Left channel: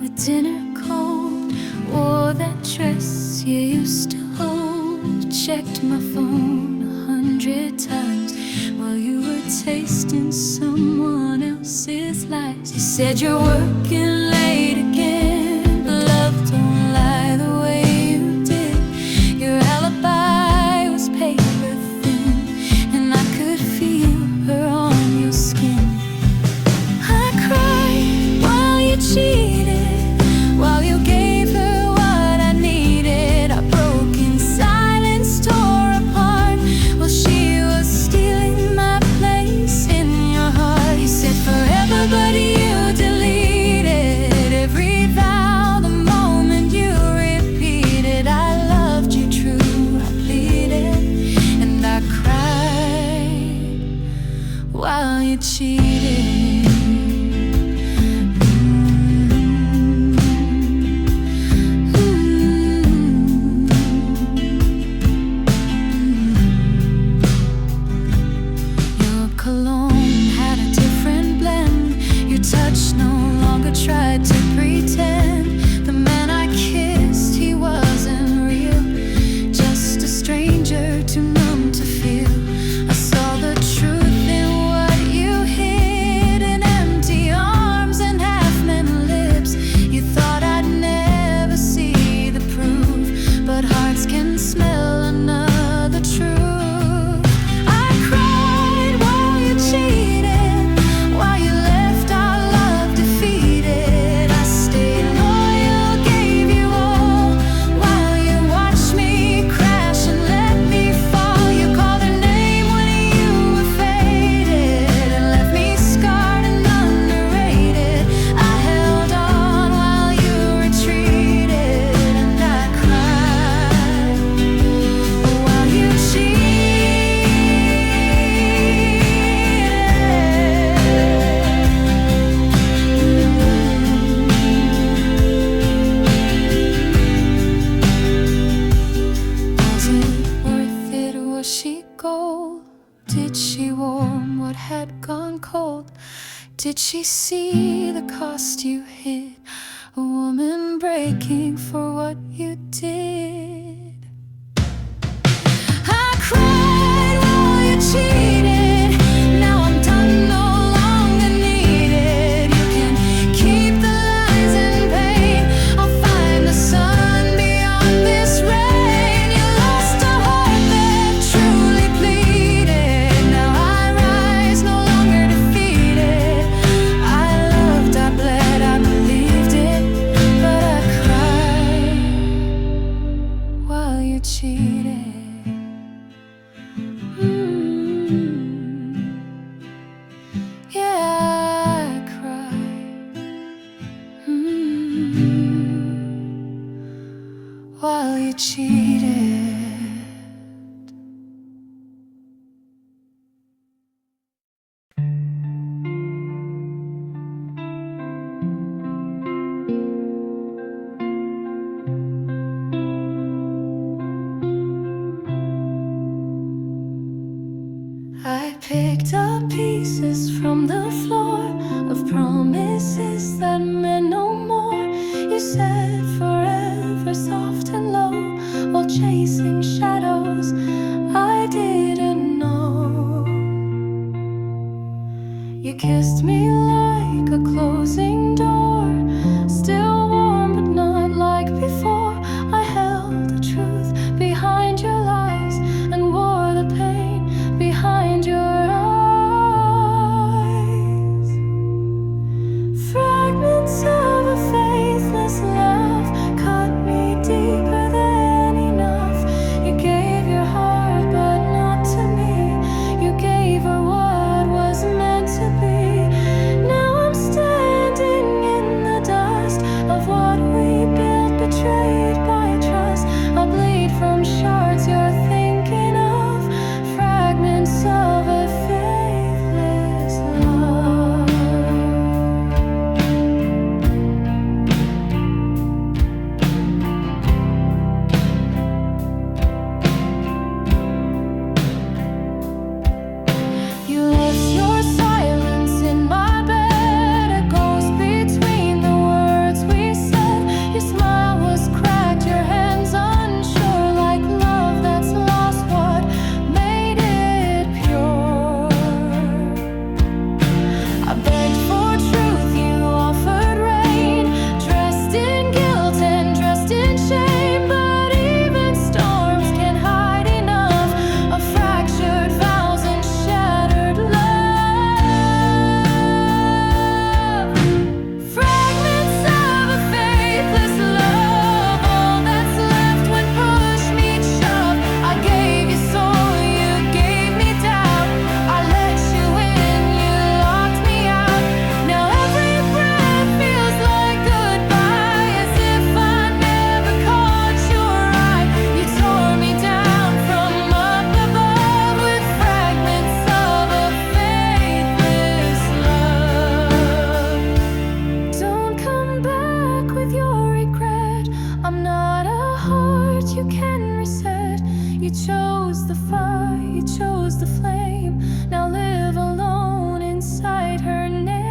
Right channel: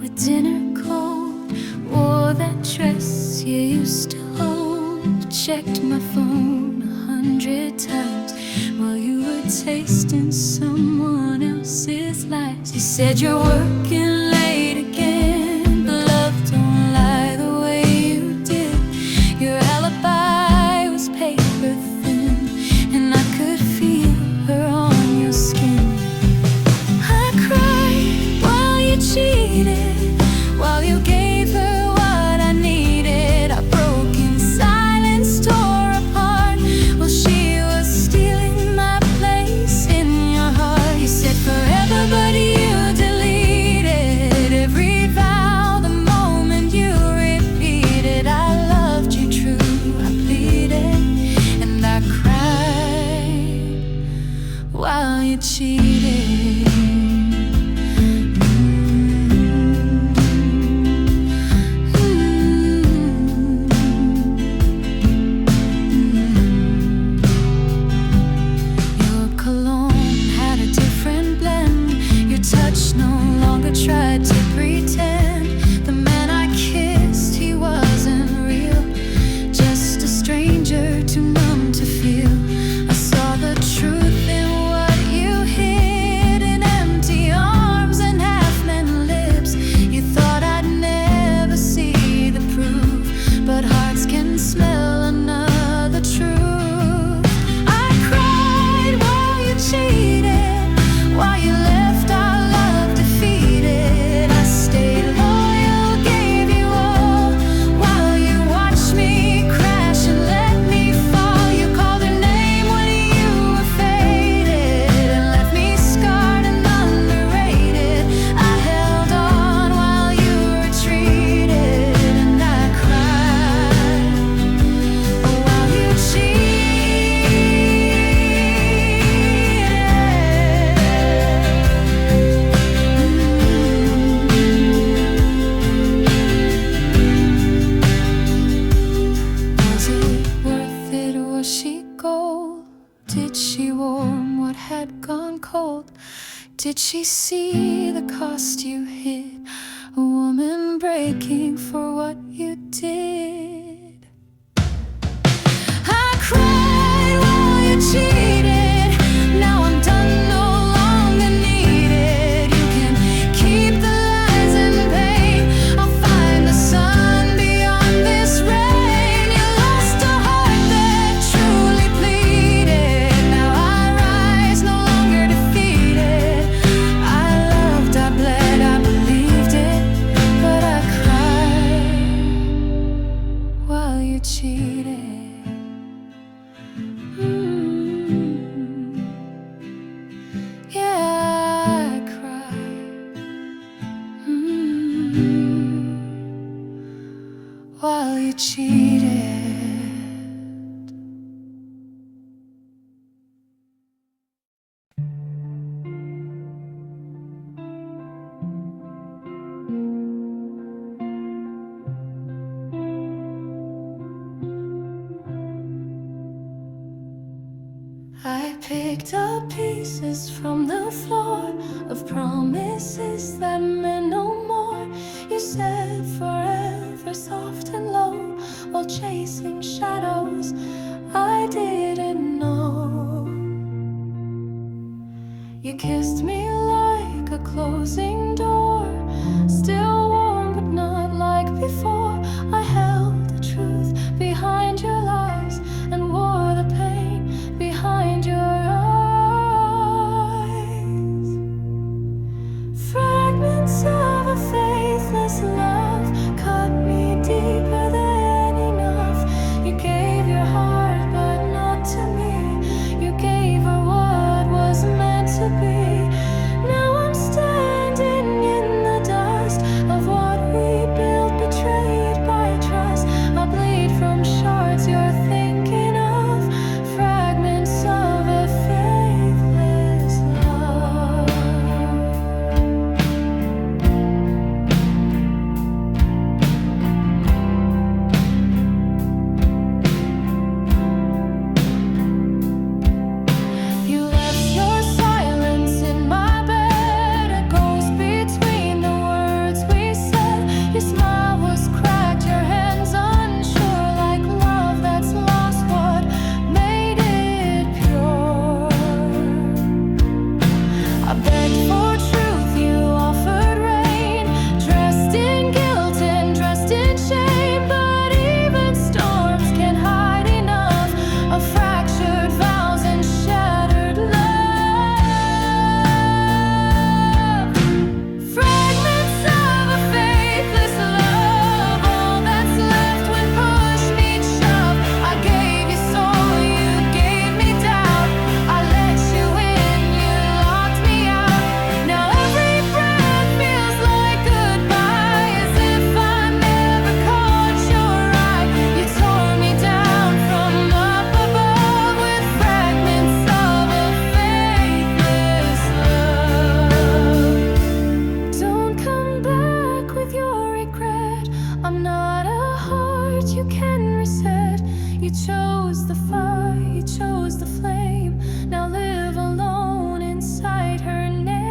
with dinner cold. Wore that dress you used to hold. Checked my phone 100 times while you were tasting someone else's lies. You said you're working late again, but love don't lie the way you did. Your alibi was paper thin, and I could feel her on your skin. I cried while you cheated, while you gave her what I needed. I broke in silence, tore apart while she was stealing my place in your heart. You said forever, but you deleted every vow the moment you repeated I loved you true. I pleaded and I cried while you cheated. Touch no longer tried to pretend. The man I kissed, he wasn't real, just a stranger too numb to feel. I saw the truth in what you hid, in empty arms and half-meant lips. You thought I'd never see the proof, but hearts can smell another truth. I cried while you cheated, while you left our love defeated. I stayed loyal, gave you all, while you watched me crash and let me fall. You called her name when you were faded and left me scarred and underrated. I held on while you retreated, and I cried while you cheated. Was she gold? Did she warm what had gone cold? Did she see the cost you hid? A woman breaking for what you did. I cried while you cheated. Now I'm done, no longer needed. You can keep the lies and pain. I'll find the sun beyond this rain. You lost a heart that truly pleaded. Now I rise, no longer defeated. I loved, I bled, I believed it, but I cried while you cheated. Yeah, I cried while you cheated. I picked up pieces from the floor of promises that meant no more. You said forever, soft and low, while chasing shadows I didn't know. You kissed me like a closing door, still warm but not like before. I held the truth behind your lies and wore the pain behind your eyes. Fragments of a faithless love cut me deeper than enough. You gave your heart but not to me. You gave her what was meant to be. Now I'm standing chose the fire, you chose the flame. Now live alone inside her name.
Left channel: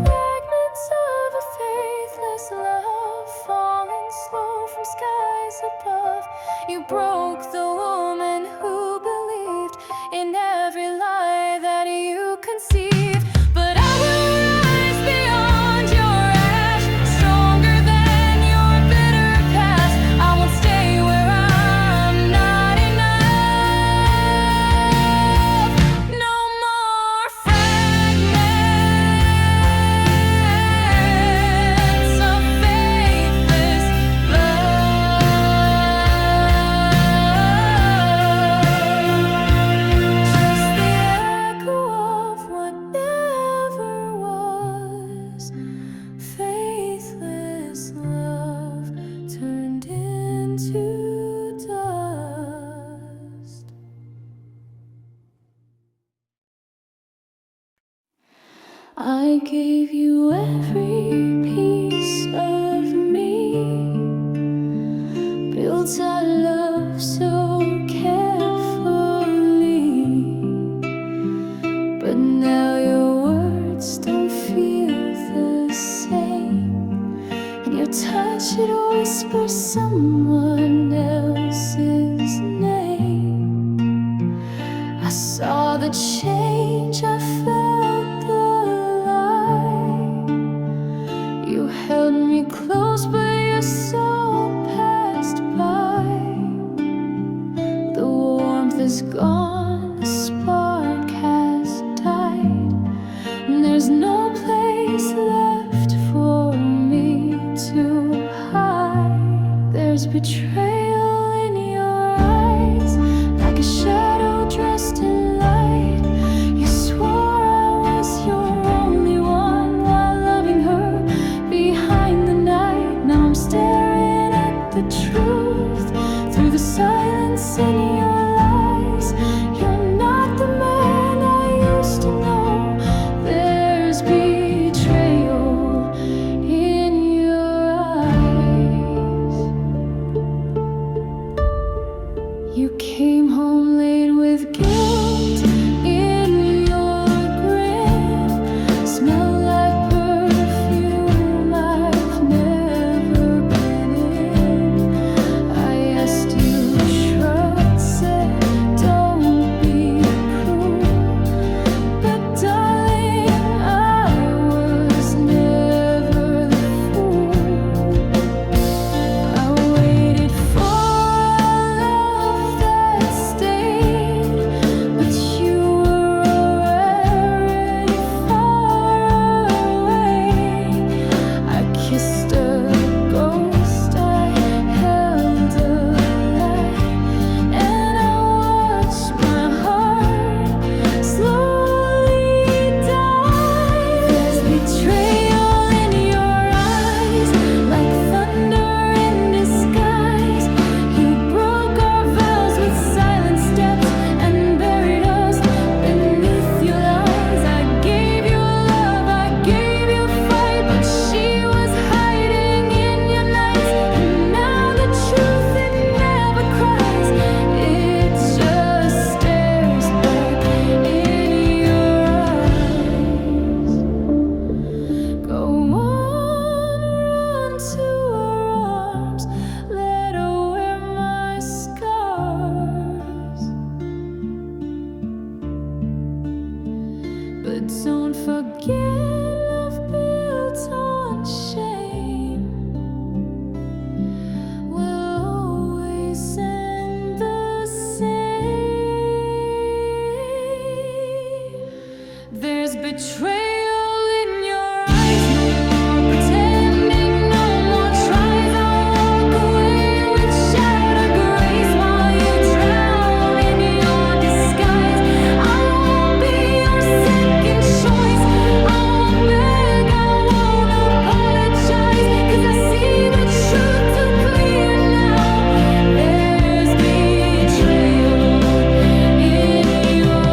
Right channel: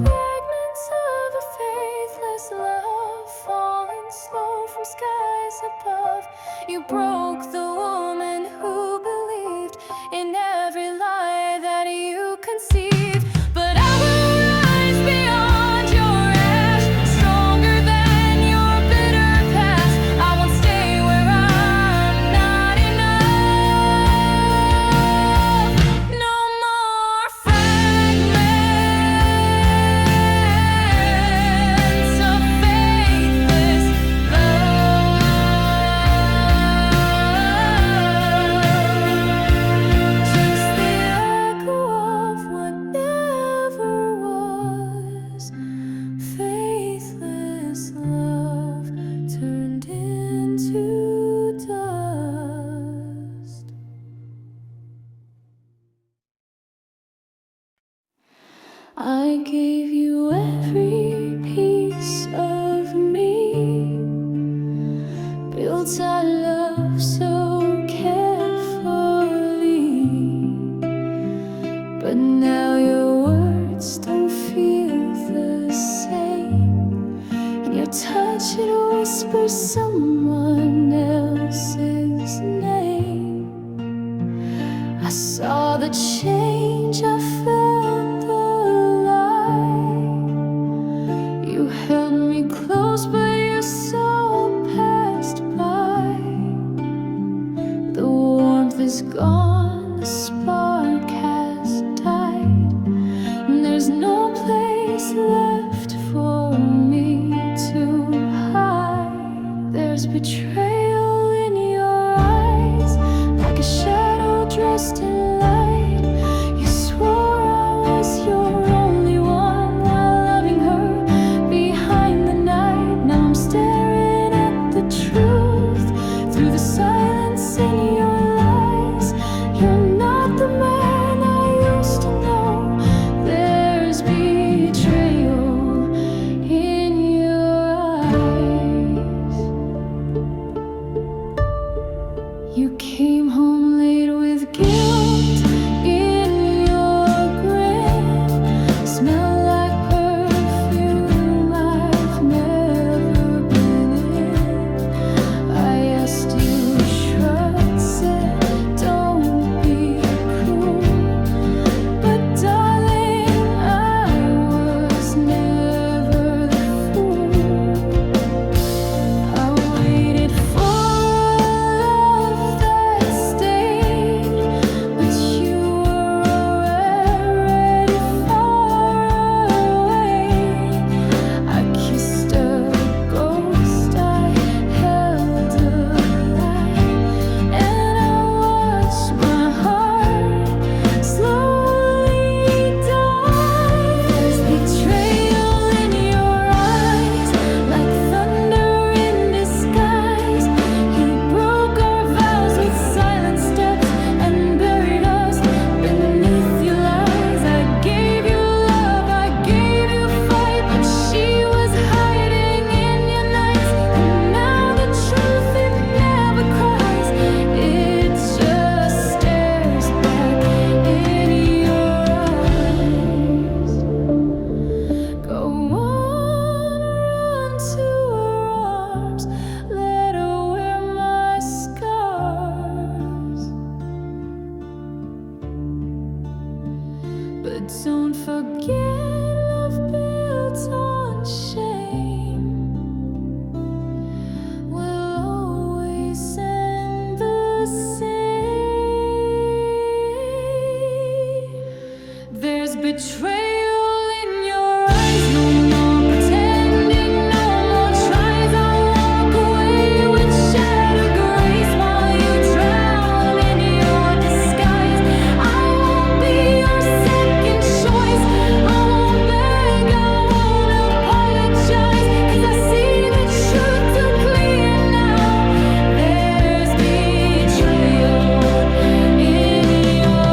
Fragments of a faithless love, falling slow from skies above. You broke the woman who believed in every lie that you conceived. But I will rise beyond your ash, stronger than your bitter past. I won't stay where I'm not enough. No more fragments of faithless love. Just the echo of what never was. Faithless love turned into dust. I gave you every piece of me, built our love so carefully. But now your words don't feel the same, and your touch, it whispers someone else's name. I saw the change, I felt the light. You held me close, but your soul passed by. The warmth is gone, the spark has died, and there's no place left for me to hide. There's betrayal in your eyes, like a shadow dressed in light. You swore I was your only one while loving her behind the night. Now I'm staring at the truth through the silence in your lies. You're not the man I used to know. There's betrayal in your eyes. You came home late with guilt in your grin. Smell like perfume I've never been in. I asked you, shrugged, said, don't be cruel. But darling, I was never the fool. I waited for a love that stayed, but you were already far away. I kissed a ghost I held alive, and I watched my heart slowly die. There's betrayal in your eyes, like thunder in disguise. You broke our vows with silent steps and buried us beneath your lies. I gave you love, I gave you fight, but she was hiding in your nights. And now the truth, it never cries, it just stares back in your eyes. Go on, run to her arms, let her wear my scars. But don't forget, love built on shame will always end the same. There's betrayal in your eyes, no more pretending, no more tries. I'll walk away with shattered grace while you drown in your disguise. I won't be your second choice. I won't beg, I won't apologize, 'cause I see the truth too clear now. There's betrayal in your eyes.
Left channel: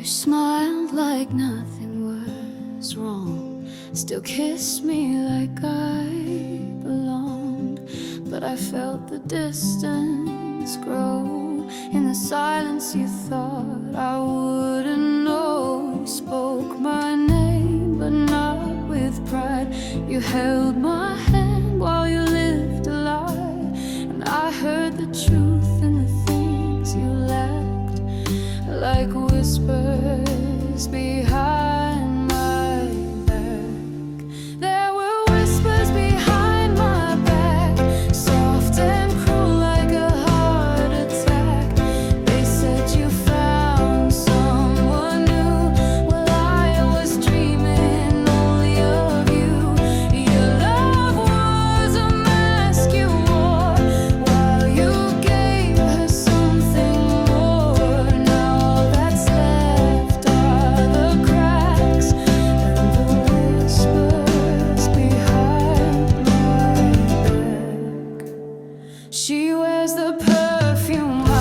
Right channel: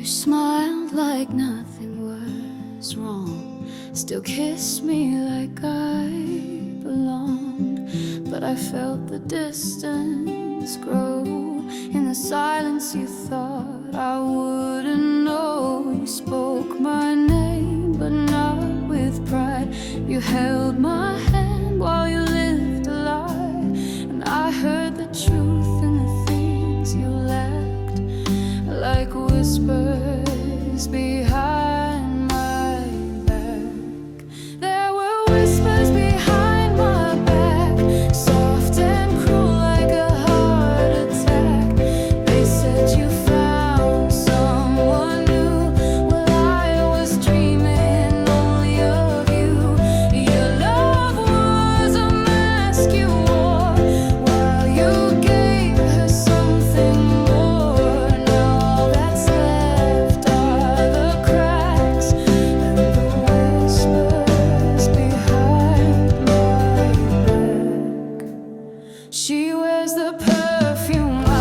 You smiled like nothing was wrong, still kissed me like I belonged. But I felt the distance grow. In the silence you thought I wouldn't know. You spoke my name, but not with pride. You held my hand while you lived a lie. And I heard the truth in the things you lacked, like whispers behind my back. There were whispers behind my back, soft and cruel like a heart attack. They said you found someone new. Well, I was dreaming only of you. Your love was a mask you wore while you gave her something more. Now all that's left are the cracks and the whispers behind my back. She wears the perfume I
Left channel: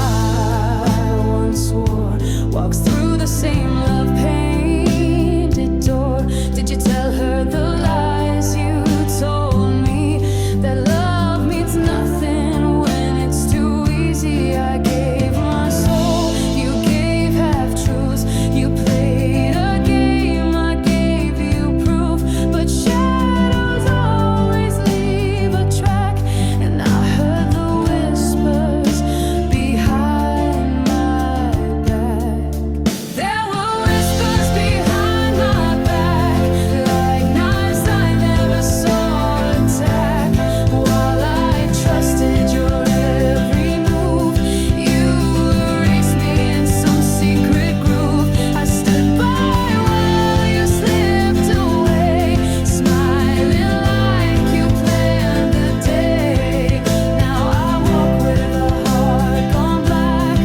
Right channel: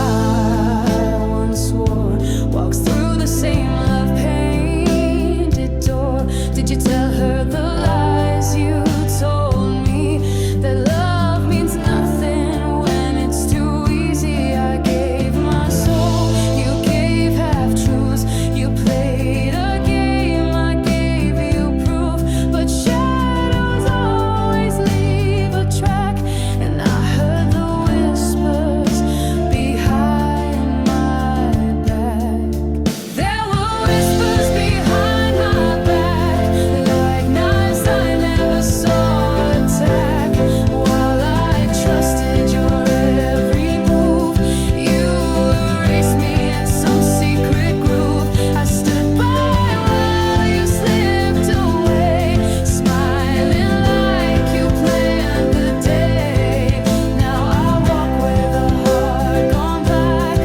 once wore, walks through the same love-painted door. Did you tell her the lies you told me, that love means nothing when it's too easy? I gave my soul, you gave half-truths. You played a game, I gave you proof. But shadows always leave a track, and I heard the whispers behind my back. There were whispers behind my back, like knives I never saw attack. While I trusted your every move, you erased me in some secret groove. I stood by while you slipped away, smiling like you planned the day. Now I walk with a heart gone black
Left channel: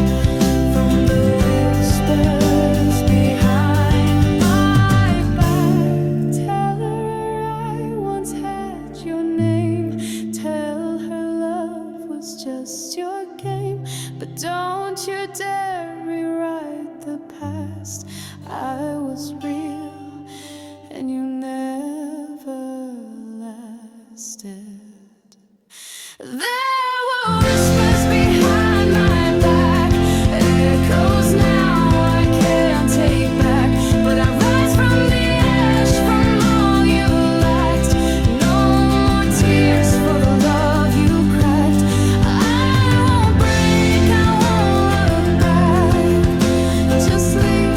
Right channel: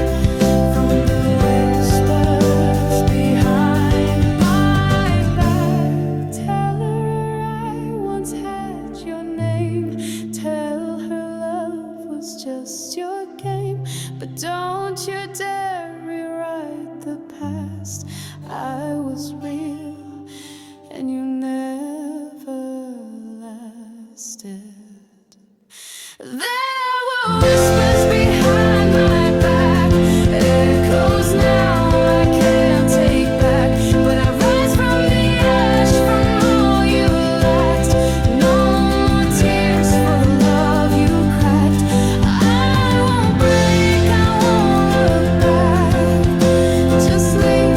from the whispers behind my back. Tell her I once had your name. Tell her love was just your game. But don't you dare rewrite the past. I was real and you never lasted. There were whispers behind my back, echoes now I can't take back. But I rise from the ash, from all you lacked. No more tears for the love you cracked. I won't break, I won't look back. Just leave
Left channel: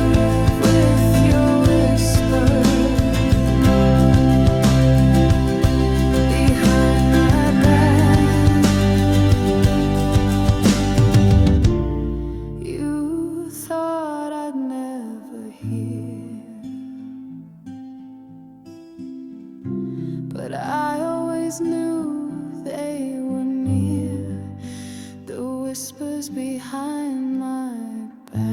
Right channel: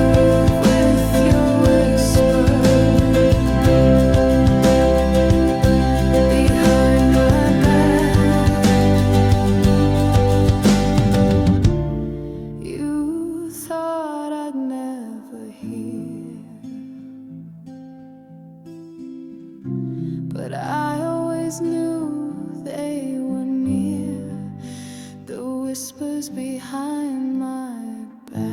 with your whisper behind my back. You thought I'd never hear, but I always knew they were near. The whispers behind my back.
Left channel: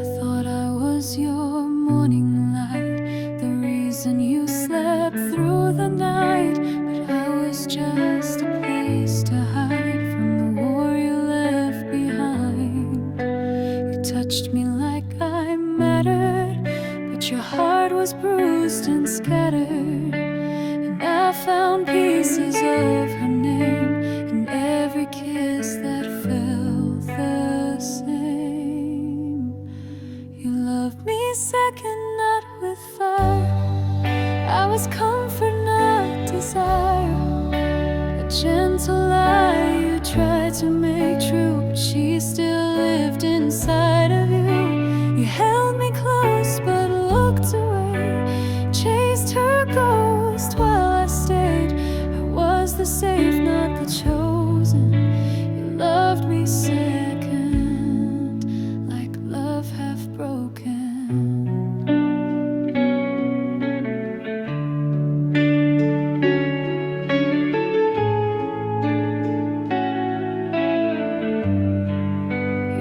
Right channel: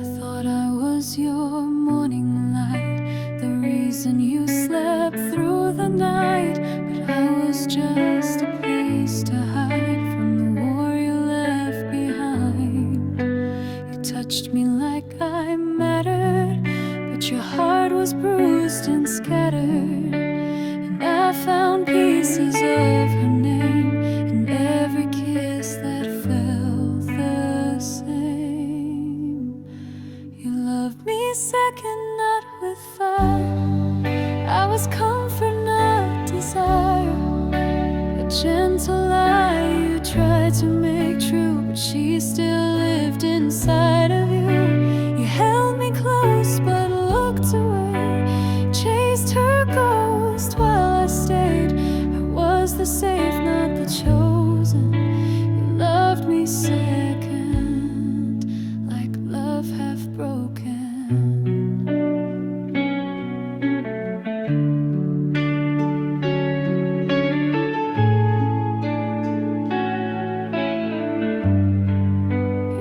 I thought I was your morning light, the reason you slept through the night. But I was just a place to hide from the war you left behind. You touched me like I mattered, but your heart was bruised and scattered. And I found pieces of her name in every kiss that felt the same. You loved me second, not with fire. I was comfort, not desire. A gentle lie you tried to make true, but she still lived inside of you. You held me close but looked away, chased her ghost while I stayed. I was the safe, not the chosen. You loved me second, like love half broken.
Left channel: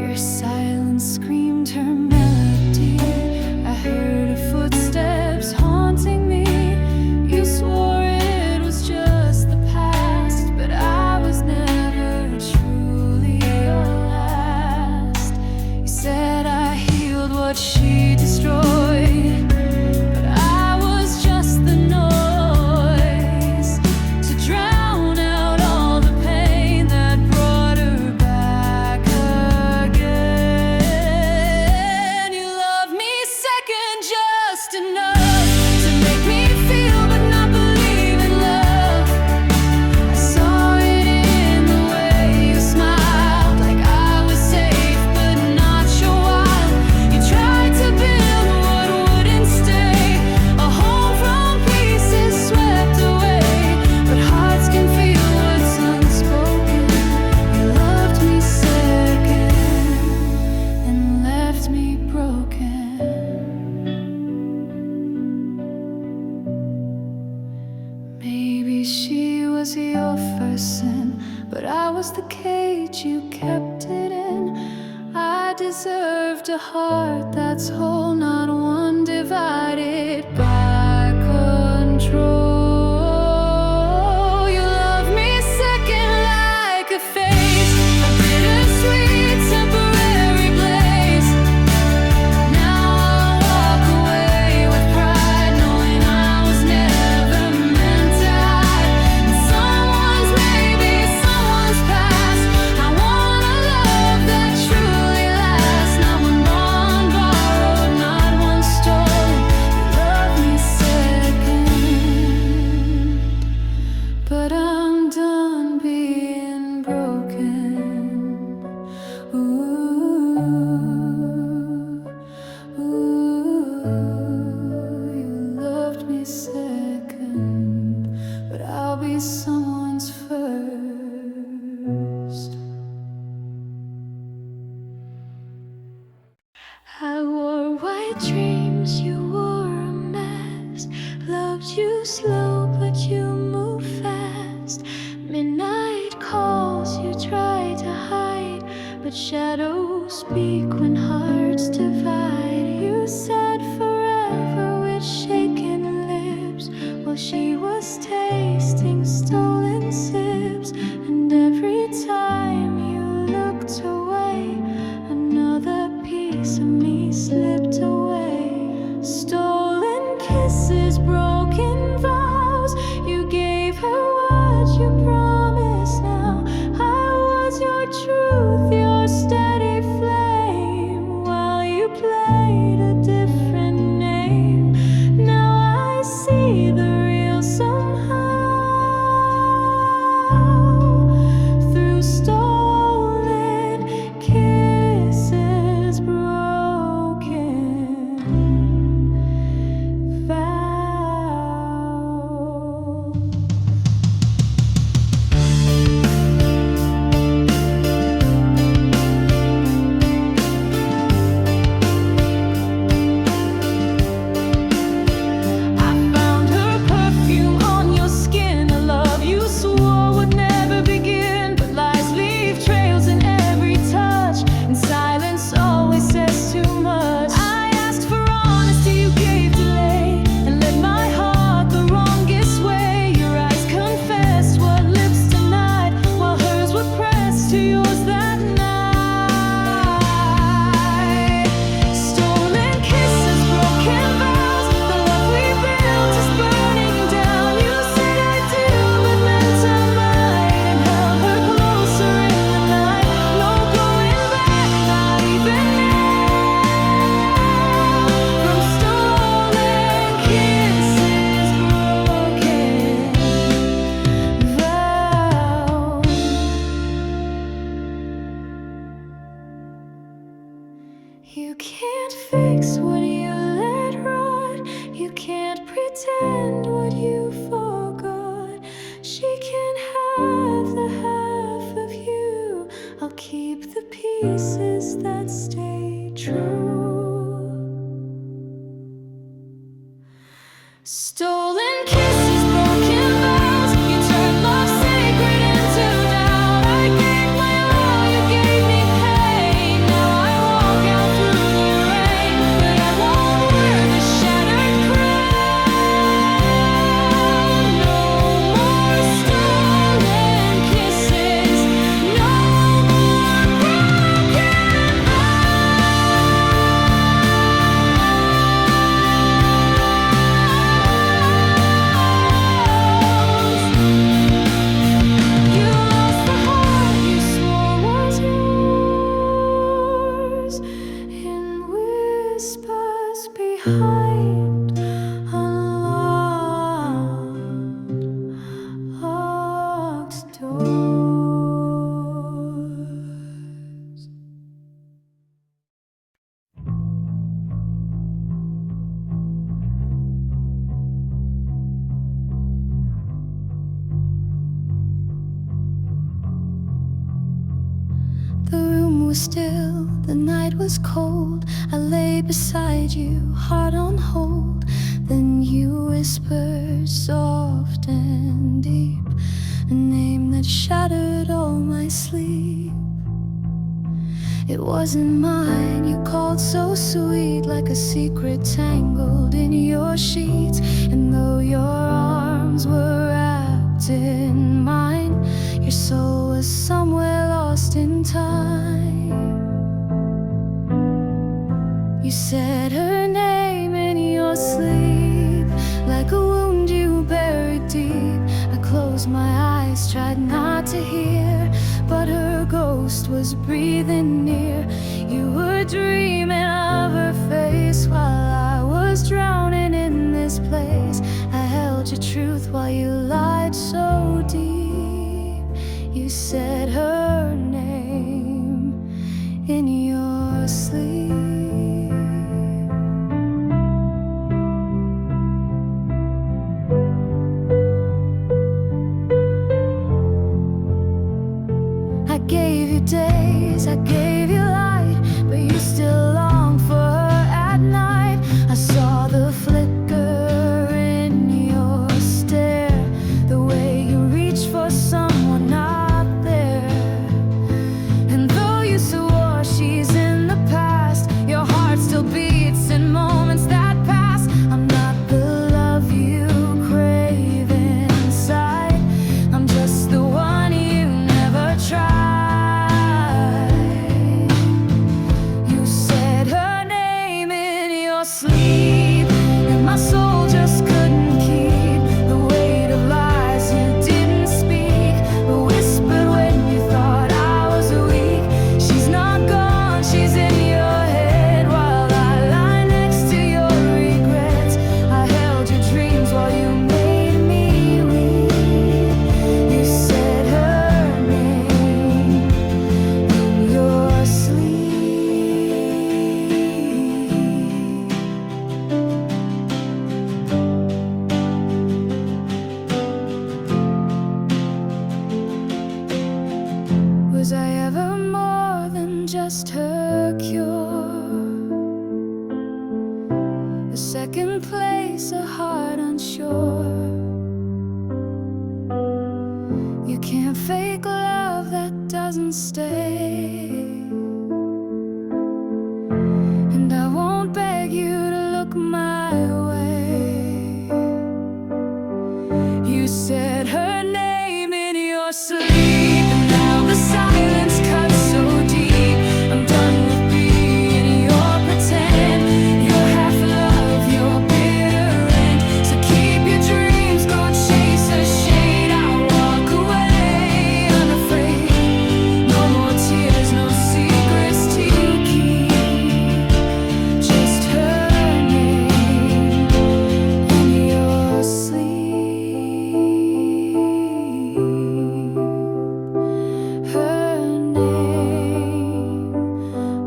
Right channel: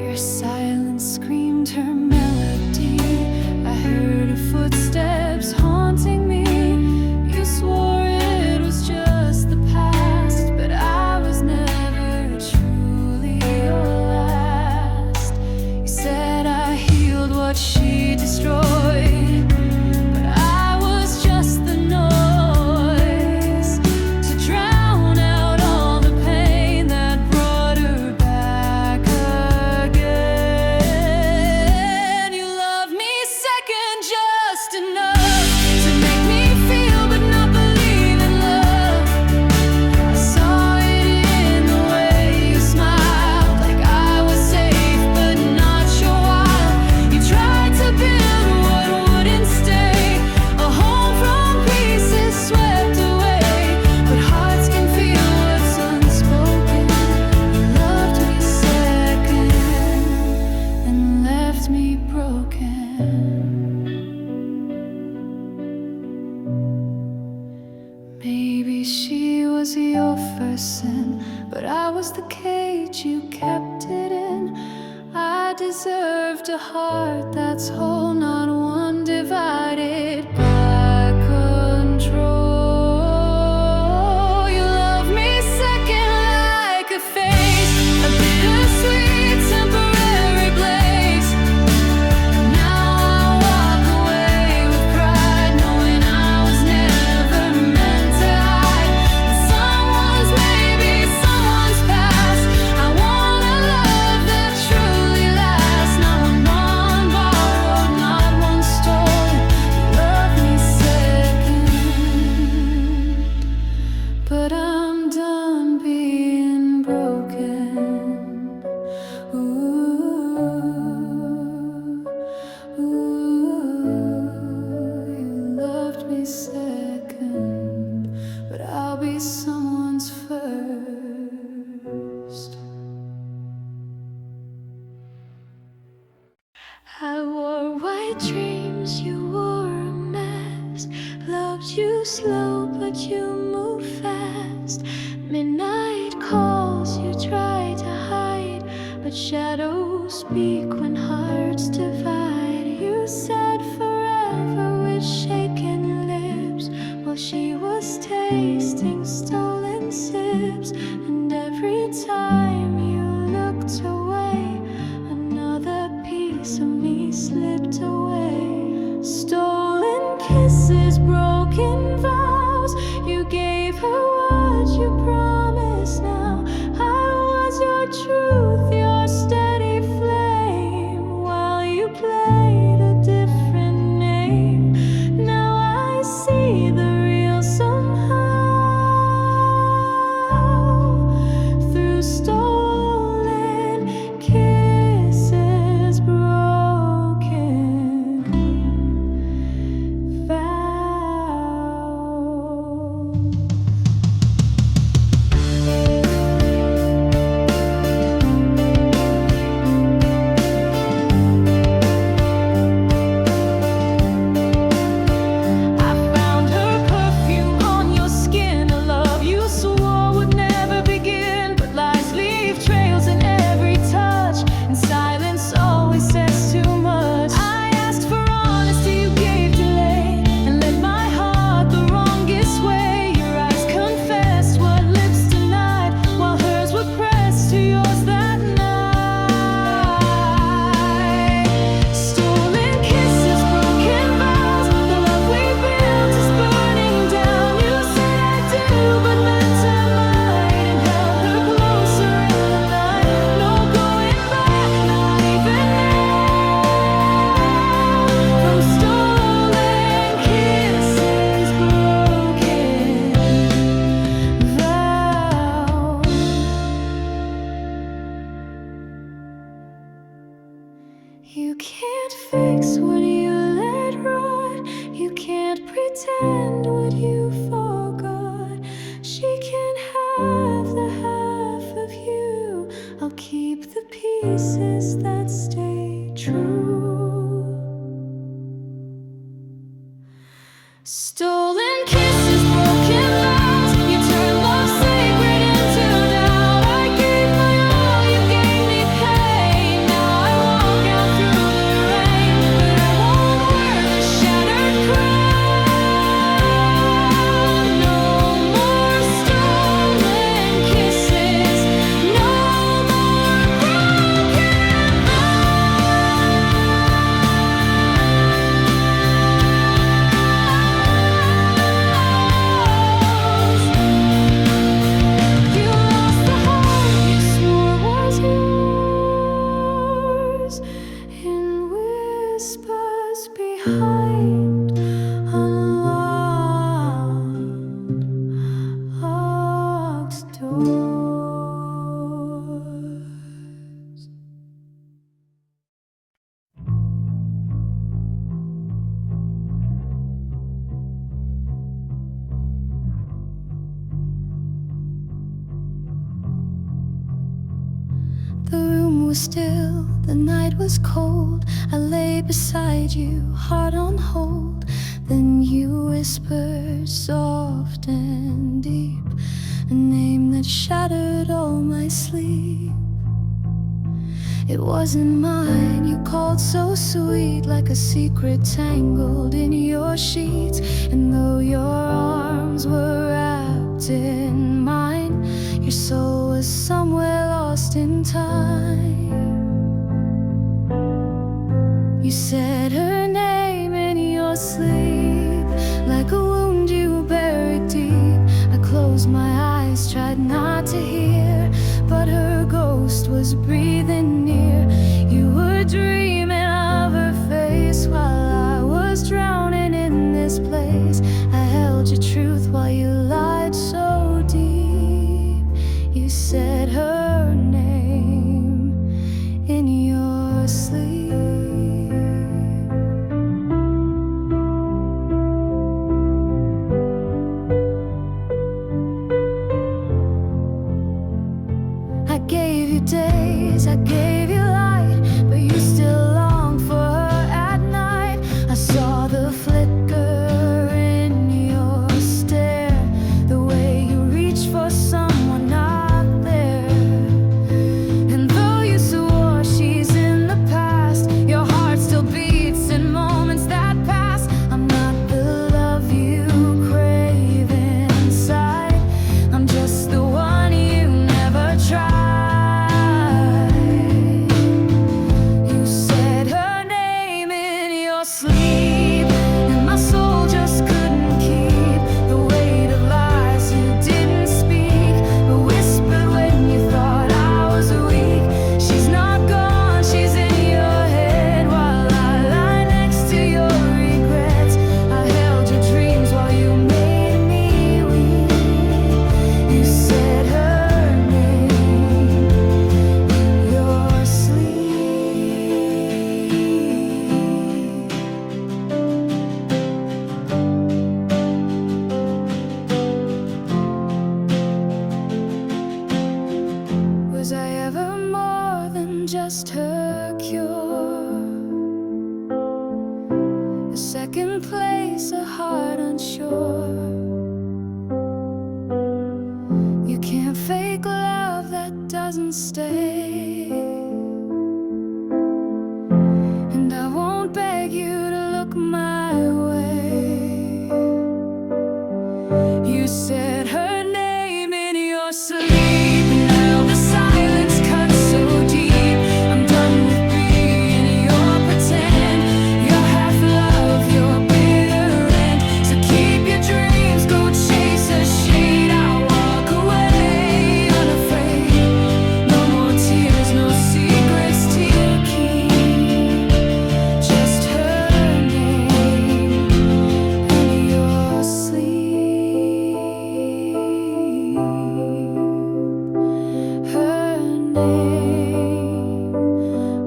Your silence screamed found her melody. I heard her footsteps haunting me. You swore it was just the past, but I was never truly your last. You said I healed what she destroyed, but I was just the noise to drown out all the pain that brought her back again. You love me second just enough to make me feel but not believe in love. I saw it in the way you smiled, like I was safe but not sure wild. You tried to build what wouldn't stay, a home from pieces swept away. But hearts can feel what's unspoken. You loved me second and left me broken. Maybe she was your first sin, but I was the cage you kept it in. I deserved a heart that's whole, not one divided by control. You love me second like a face, a bittersweet temporary blaze. Now I walk away with pride, knowing I was never meant to hide in someone's, maybe someone's past. I want a love that truly lasts, not one bond borrowed, not one stolen. You love me second, but I'm done being broken. Ooh, ooh, you loved me second, but I'll be someone's first. I wore white dreams, you wore a mask. Loved you slow, but you move fast. Midnight calls, you try to hide, but shadows speak when hearts divide. You said forever with shaking lips, while she was tasting stolen sips. And every time you looked away, another piece of me slipped away. Stolen kisses, broken vows. You gave her what you promised now. I was your truth, your steady flame, while you played a different name. Now I see the real somehow, through stolen kisses, broken vows. I found her perfume on your skin, a love you swore would never begin. But lies leave trails in every touch, and silence always says too much. I asked for honesty, you gave delay, and led my heart the wrongest way. Your eyes confessed what lips denied, while hers were pressed to yours that night. Stolen kisses, broken vows. The love we built is burning down. You said I do, but meant I might, and held her closer in the night. No going back, not even now. From stolen kisses, broken vows. You can't fix what you let rot. You can't pretend what you forgot. She can have the half of you. I'll keep the pieces that stay true. Stolen kisses, broken vows. You turned love sacred into doubt. I gave my all, you gave me pain. Now I walk out through the room was still, the night was cold. I lay beside you, heart on hold. Then you whispered soft and deep, a name that shattered all my sleep. It wasn't mine, you called so sweet, like a secret tangled in your sheets. And though your arms were wrapped in mine, your soul was somewhere lost in time. You said her name in your sleep, like a wound you buried deep. I closed my eyes, tried not to hear, but her ghost was breathing near. You were dreaming of her face while I was drowning in this place. I held your truth while you lied so deep. You said her name in your sleep. I gave you days, I gave you light, but you still long for her at night. I saw the flicker in your stare, the way you reached for someone not there. And though you swore she's in the past, your heart still beats in moments that pass. I'm not the love you crave inside, I'm just the one you never tried. Sleep, and my soul just couldn't keep the weight of lies you didn't speak, but whispered when you thought I was weak. She's not gone, she's in your head while I lie next to your regrets. I held your dreams while you made me weep. You said her name in your sleep. Was I ever more than just her cure? A second place, a heart unsure. You can't fake love that doesn't stay, and I won't beg you to look my way. You said her name in your sleep, and now the silence cuts so deep. I'm done with being your pretend, your half love, your bitter end. So keep your dreams, go chase a shade. I'll walk away unafraid. No more tears, no secrets to keep. Just her name in your sleep. Her name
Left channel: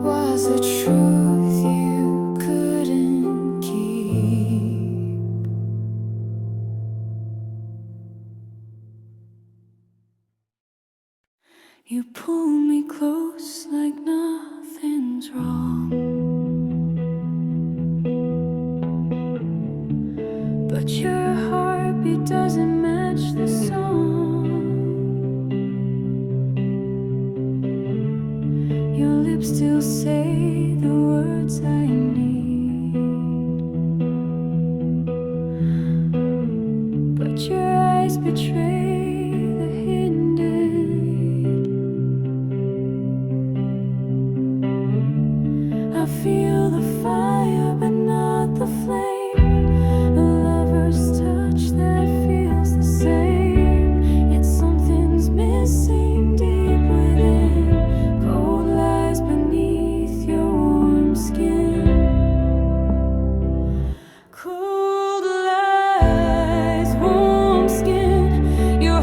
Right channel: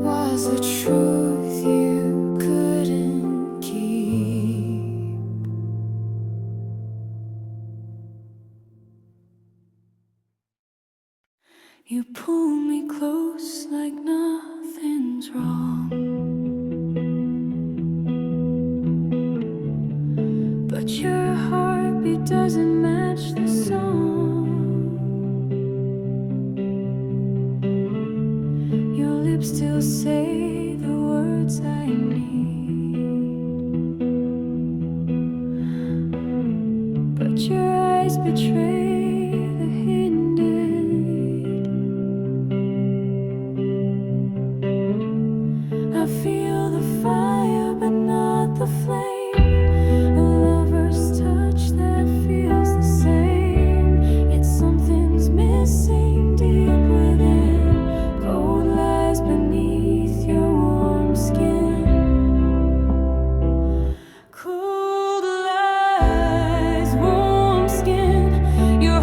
was the truth you couldn't keep. You pull me close like nothing's wrong, but your heartbeat doesn't match the song. Your lips still say the words I need, but your eyes betray the hidden deed. I feel the fire but not the flame, a lover's touch that feels the same, yet something's missing deep within. Cold lies beneath your warm skin. Cold lies, warm skin. Your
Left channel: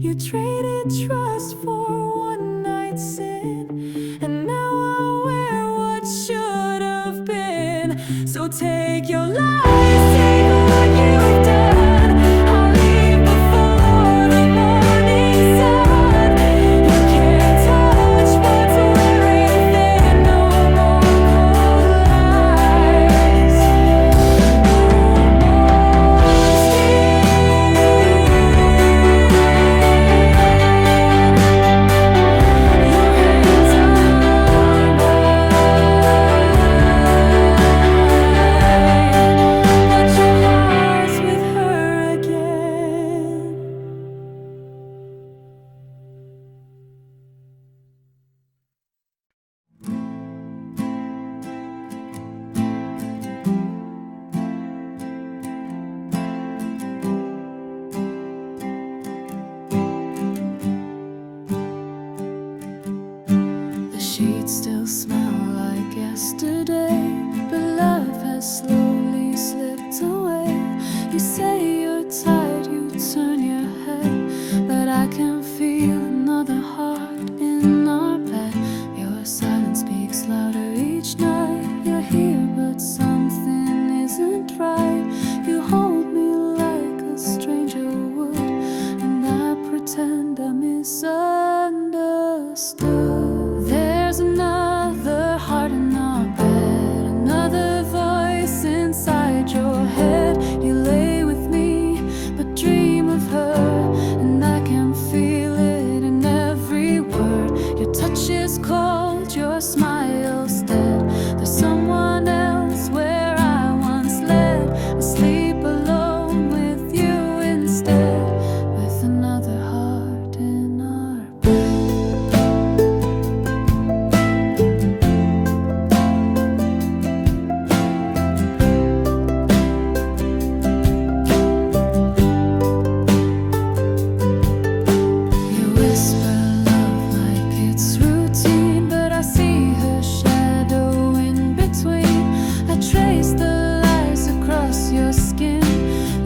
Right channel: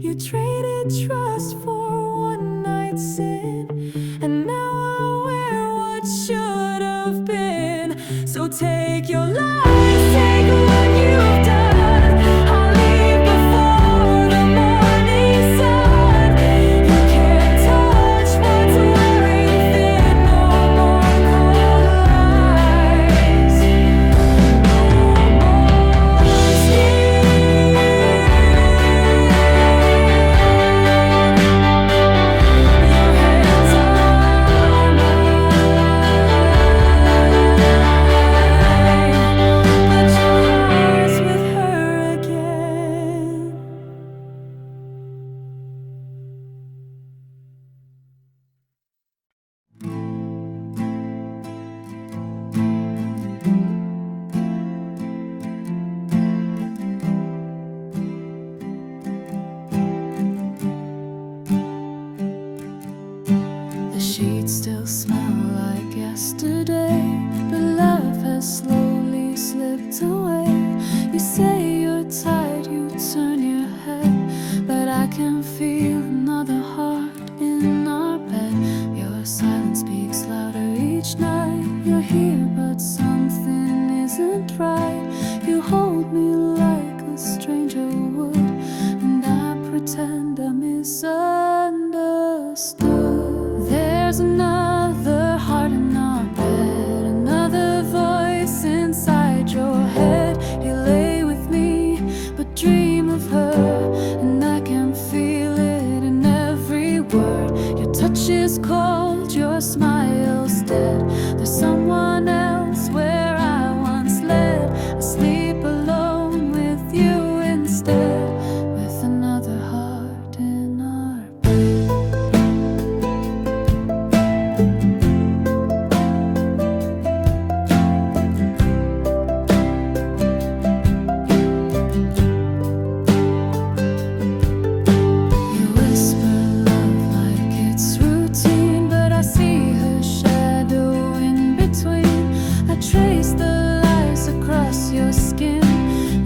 You traded trust for one night sin, and now I wear what should have been. So take your lies, take what you've done. I'll leave before the morning sun. You can't touch what's wearing thin. No more cold lies, no more skin. Your hands are mine, but your heart's with her again. The sheets still smell like yesterday, but love has slowly slipped away. You say you're tired, you turn your head, but I can feel another heart in our bed. Your silence speaks louder each night. You're here, but something isn't right. You hold me like a stranger would, and I pretend I misunderstood. There's another heart in our bed, another voice inside your head. You lay with me, but dream of her, and I can feel it in every word. Your touch is cold, your smile's dead. There's someone else where I once led. I sleep alone with you instead, with another heart in our whisper love like it's routine, but I see her shadow in between. I trace the lies across your skin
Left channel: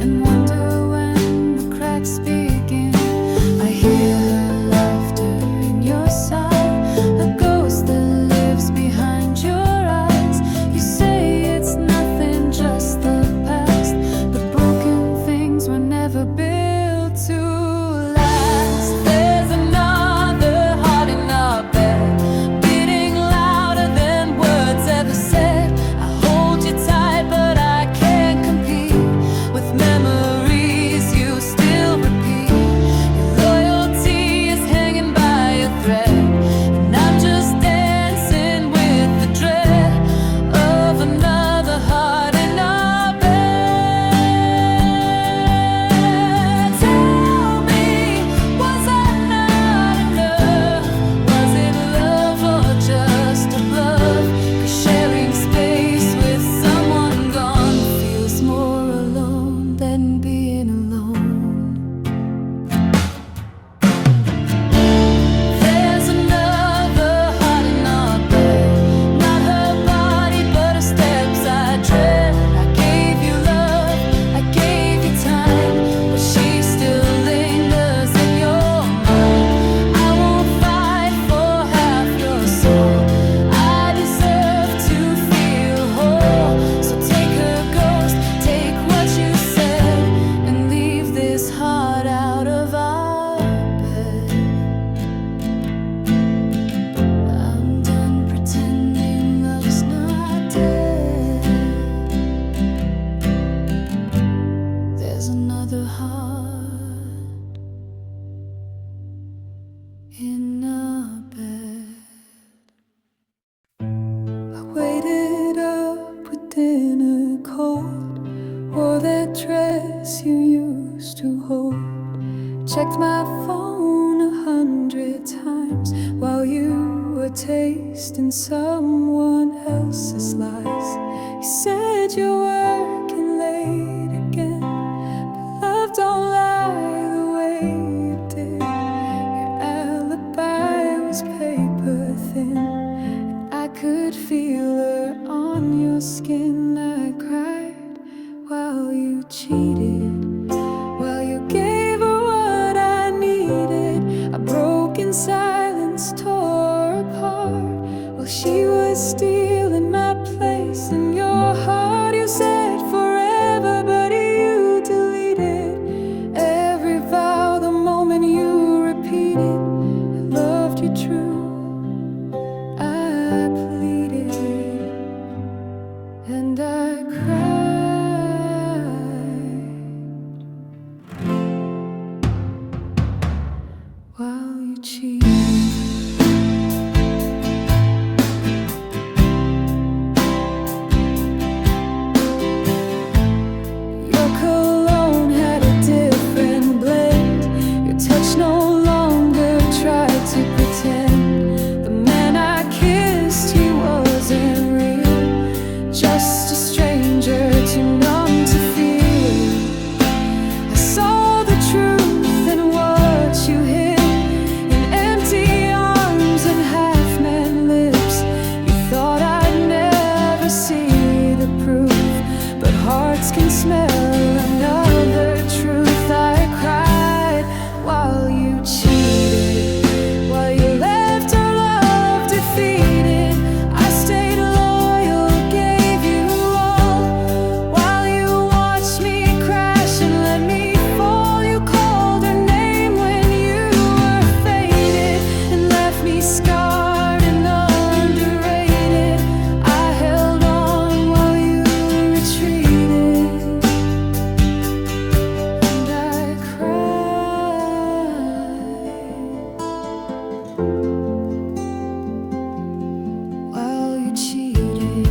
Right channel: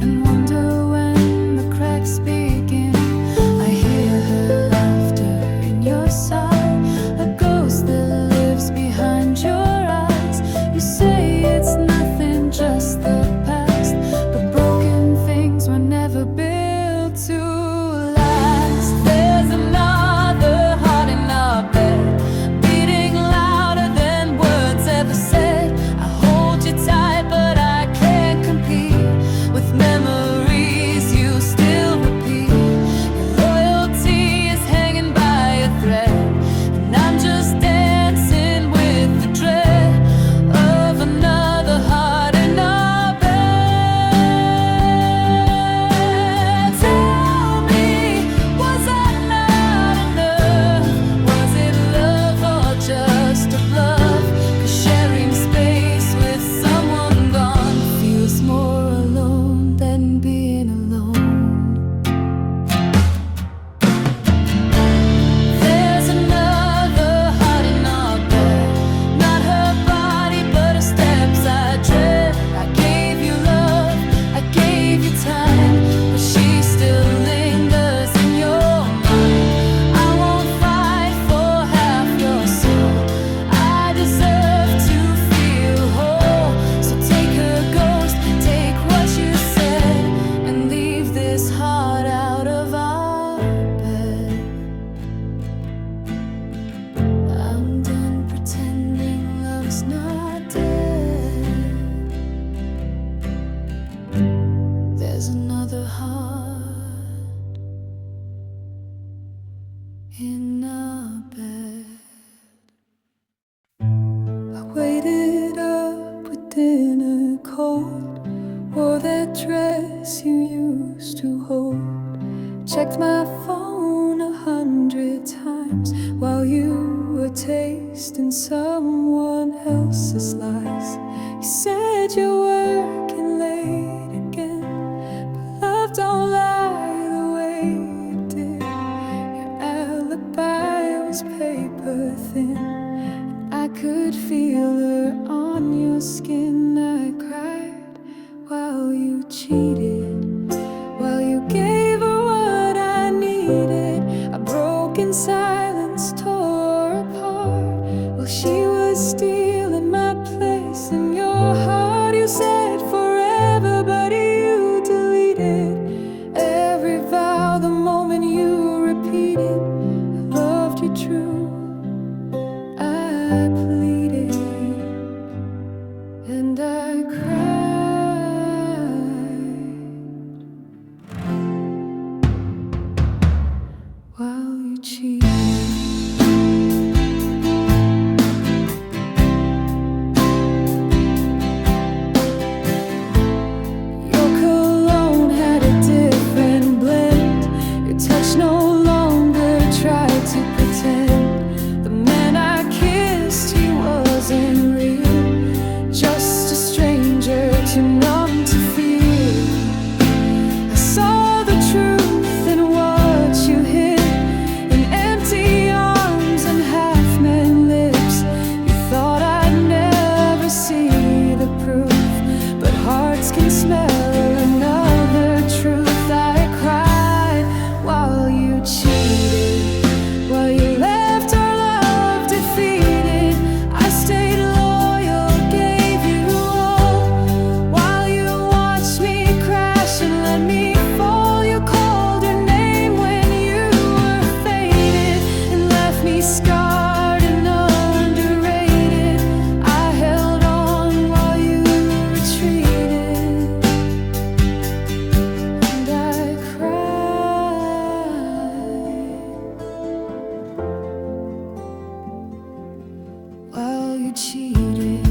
and wonder when the cracks begin. I hear her laughter in your sigh, a ghost that lives behind your eyes. You say it's nothing, just the past, but broken things were never built to last. There's another heart in our bed, beating louder than words ever said. I hold you tight, but I can't compete with memories you still repeat. Your loyalty is hanging by a thread, and I'm just dancing with the dread of another heart in our bed. Tell me, was that not enough? Was it love or just a bluff? 'Cause sharing space with someone gone feels more alone than being alone. There's another heart in our bed, not her body, but her steps I tread. I gave you love, I gave you time, but she still lingers in your mind. I won't fight for half your soul. I deserve to feel whole. So take her ghost, take what you said, and leave this heart out of our bed. I'm done pretending love's not dead. There's another heart in our bed. I waited up with dinner cold, wore that dress you used to hold, checked my phone 100 times while you were tasting someone else's lies. You said you're working late again, but love don't lie the way it did. Your alibi was paper thin, I could feel her on your skin. I cried while you cheated, while you gave her what I broken silence tore apart while she was stealing my place in your heart. You said forever, but you deleted every vow the moment you repeated I loved you true. I pleaded and I cried while you cheated. Your cologne had a different blend. Your touch no longer tried to pretend. The man I kissed, he wasn't real, just a stranger too numb to feel. I saw the truth in what you hid, in empty arms and half-man lips. You thought I'd never see the proof, but hearts can smell another truth. I cried while you cheated, while you left our love defeated. I stayed loyal, gave you all, while you watched me crash and let me fall. You called her name when you were faded and left me scarred and underrated. I held on while you retreated, and I cried while you cheated.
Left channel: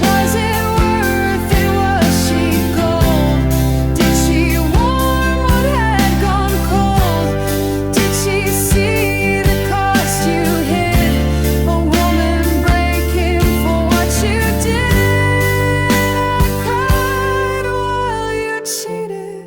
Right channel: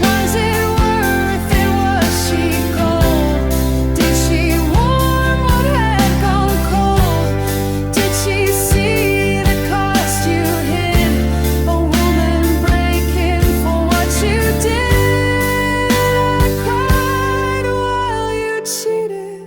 Was it worth it? Was she gold? Did she warm what had gone cold? Did she see the cost you hid? A woman break him for what you did. I cried while you cheated.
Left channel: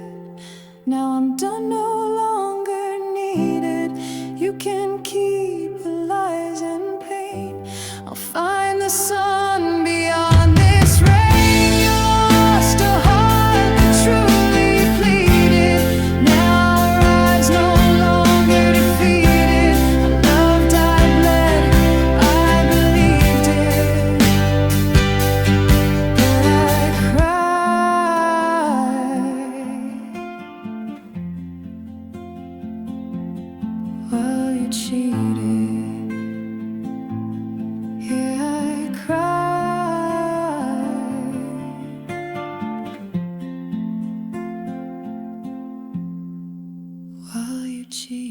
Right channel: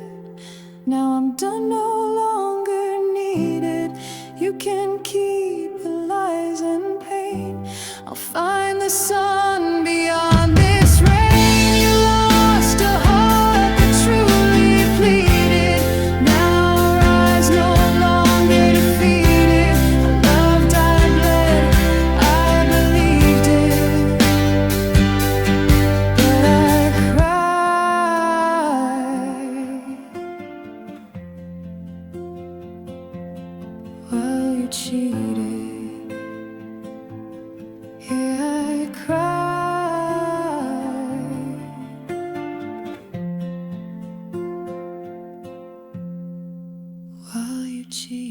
Now I'm done, no longer needed. You can keep the lies and pain. I'll find the sun beyond this rain. You lost a heart that truly pleaded. Now our eyes no longer defeated. I loved, I bled, I believed it, but I cried while you cheated. Yeah, I cried while you cheated.